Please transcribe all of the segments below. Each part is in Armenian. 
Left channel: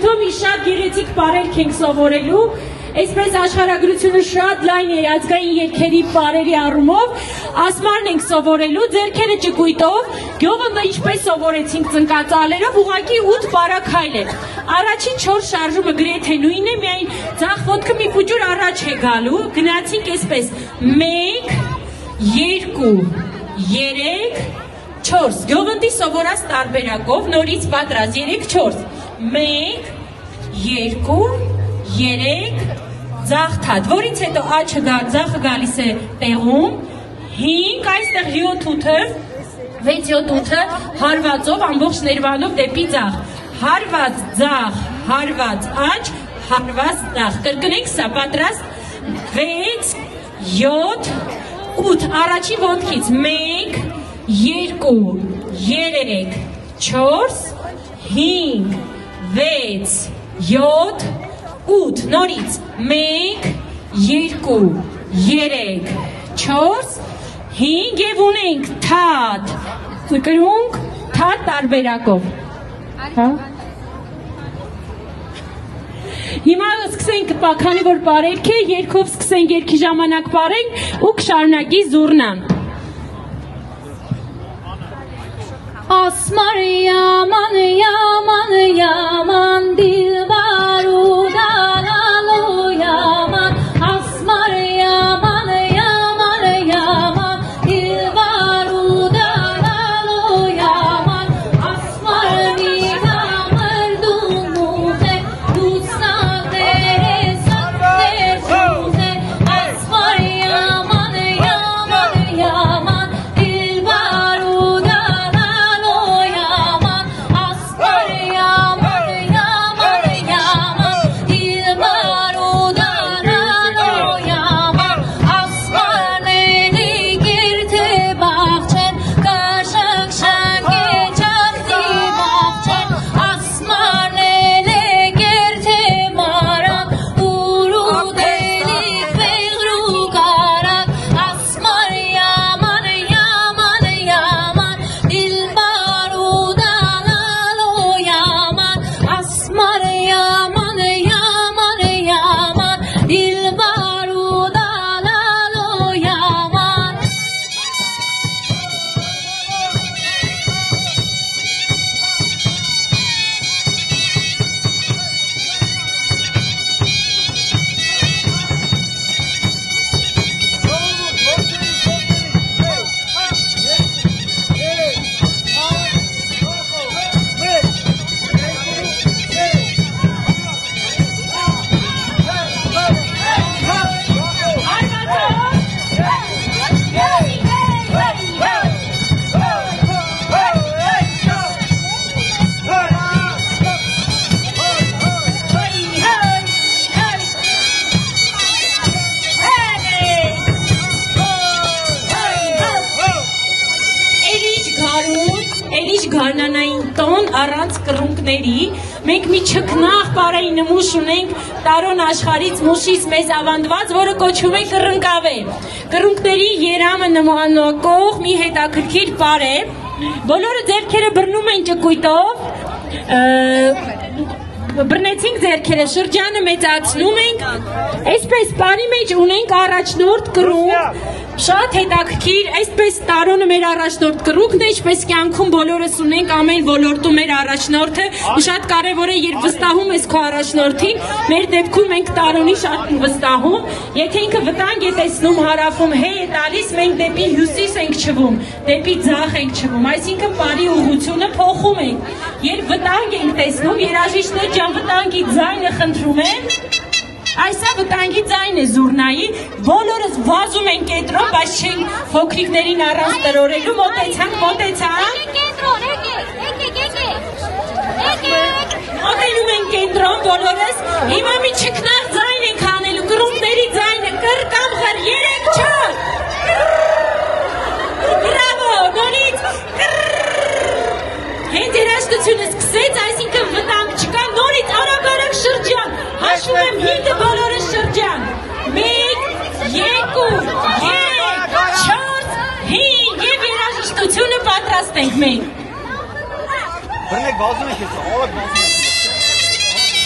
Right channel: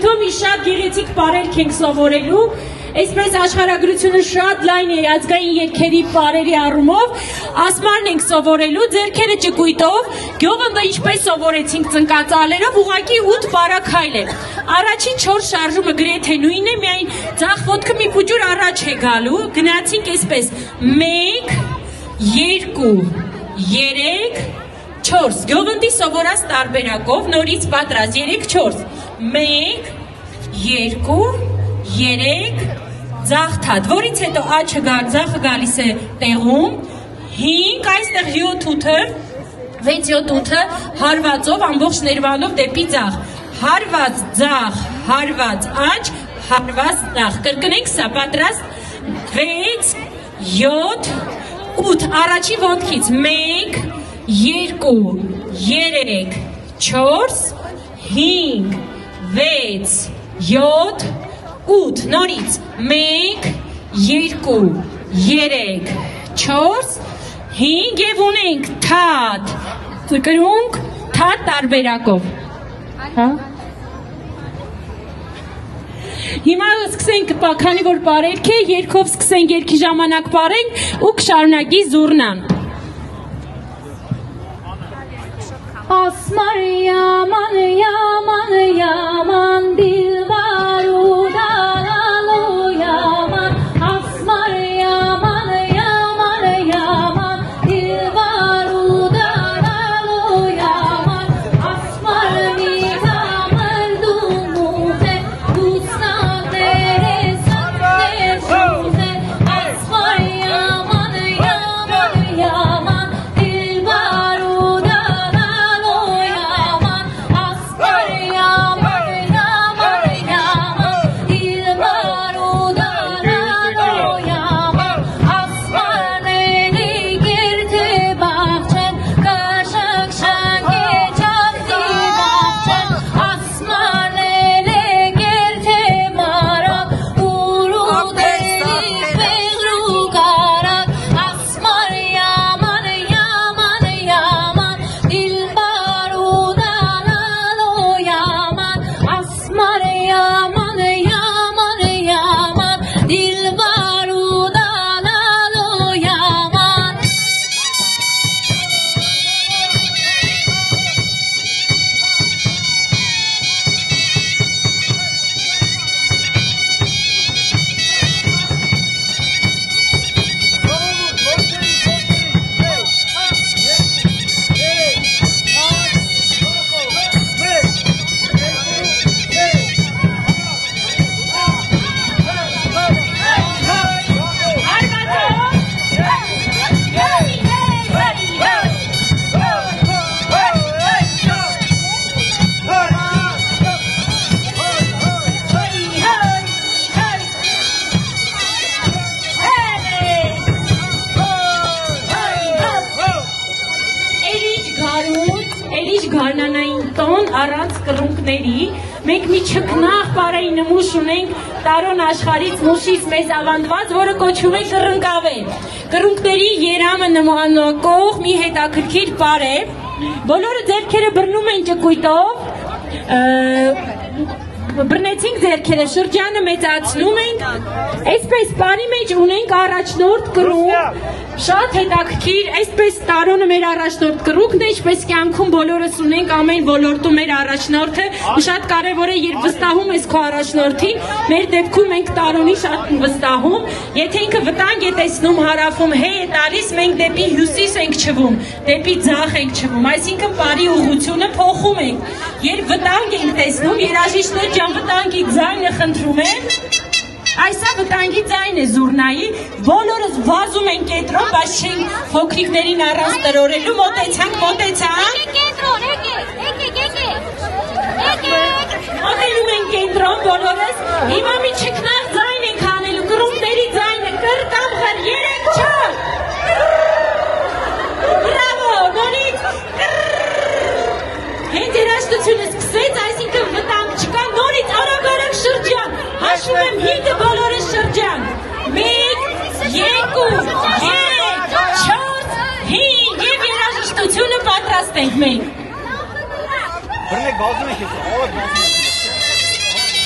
շփոթում մի շատ գեղեցիկ պարերք ենք սովորելու, այսպես աշխարհագրությունը շատ լայն է ազգային երգերի պարերի առումով, ասմարն ենք սովորելու, ձեռքերը ճկույտով, գյովը ինչպես սովորեցինք ծնկածալերով, ուղղակի 8 պարաքայլ է։ Առաջին 4 շարժումը գրեթե նույնն է, միայն ձախ ոտքը մի փոքր առաջ է գալու, գնացինք այսպես 1, 2, 3, 4, գյովնդի սովորած տարբերակով, նորից պատրաստ, 3-4, 1, 2, 3, ձախ թաթ, որից հետո աչը ձախը գալիս է տեղում, 5, այստեղ 7-8-ը, 6-7-8-ը հարվածով, ամբողջ ներվանով դեպի ձախ, հարված ձախ, հարված աչ, հարված ձախ, կրկնենք սա, պատրաստ, 6, 7, 8, առաջի ոտքից, 1, 2, 3, 4, 5, 6, 7, 8, նորից, 1, 2, 3, 4, 5 և ունենք թաթ, կրկնունք թաթ տարբերակով, հիմա սկսենք, քանի որ պարերք է, երգով սկսենք երգի ժամանակ պարենք ու կշարունակի զուռնան։ Ասմար yaman yaman yaman dilbar udaralu yaman Asmar yaman yaman yaman dilbar udaralu yaman Asmar niga mardumute gussadere sakte zute Asmar yaman yaman yaman dilbar udaralu yaman Asmar yaman yaman yaman dilbar udaralu yaman Asmar neni girte bahçen kaşak şage çakti bahçen Asmar neni girte marak uru delik begru karak Asmar yaman yaman yaman dilbar udaralu yaman Asmar yaman yaman yaman dilbar udaralu yaman Էնիչ գարնանային տոն առանց կրունկների, մենք մի չկնաղ պարայի նմուշ ունենք տարոն աշխարից մուշից մեզ ավանդված, որը կոչվում է կռնկավեր։ Կռունկների երամը նմանակող մի հետաքրքիր պար է, բոլորը ձեռքերը բռնում են ճկույտով, բռնեցինք ձեռքերը, շրջանը մեծացնում ենք, այսպես պարի մեջ ունենք առաջնորդ կռունկ, շատ հետաքրքիր, այսպես տարոնը մեր առաջնորդ կռունկն է, ինչպես կյանքում բոլորս ունենք ամեն ոլորտում մեր առաջնորդը, շատ կարևոր է, երբ վստահում ես քո առաջնորդին, մեր դեպքում մենք տարոնի շատ վստահում, եթե ինքը վտանգ է տեսնում հարավում հե է տալիս, մենք դեպի հյուսիս ենք չվում, դեպի ձախ ենք չվում, այսինքն պարի ուղղությունը փոխում ենք, երբ վտանգ ենք տեսնում, երաժիշտներ ջան վտանգի ձայնը խնդրում են, Այսա վտանգի ձայն է զուռնայի, բոլորս վազում են կենտրոն, բայց չենք փոքրիկներին առանց տրորելու, մոտեցանք, մոտենում են կենտրոն, բոլորս, հիմա մի չկնար ձայն ենք անելու, կռունկների ձայնը, կր կամ կր, 3-4, բրավո, նորից, հենց երաժշտությունը սկսեց, այսինքն վտանգ չկա, նորից արագ շրջան, հաշվում եմ 5-ը բոլորը շրջան, 1, 2, 3, 4, 5 և երաժշտությունը պատրաստ ենք մենք։ Բրնեք բազում եք ես, ավակ բազում եք ես։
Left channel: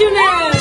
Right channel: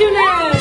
Շնորհակալություն։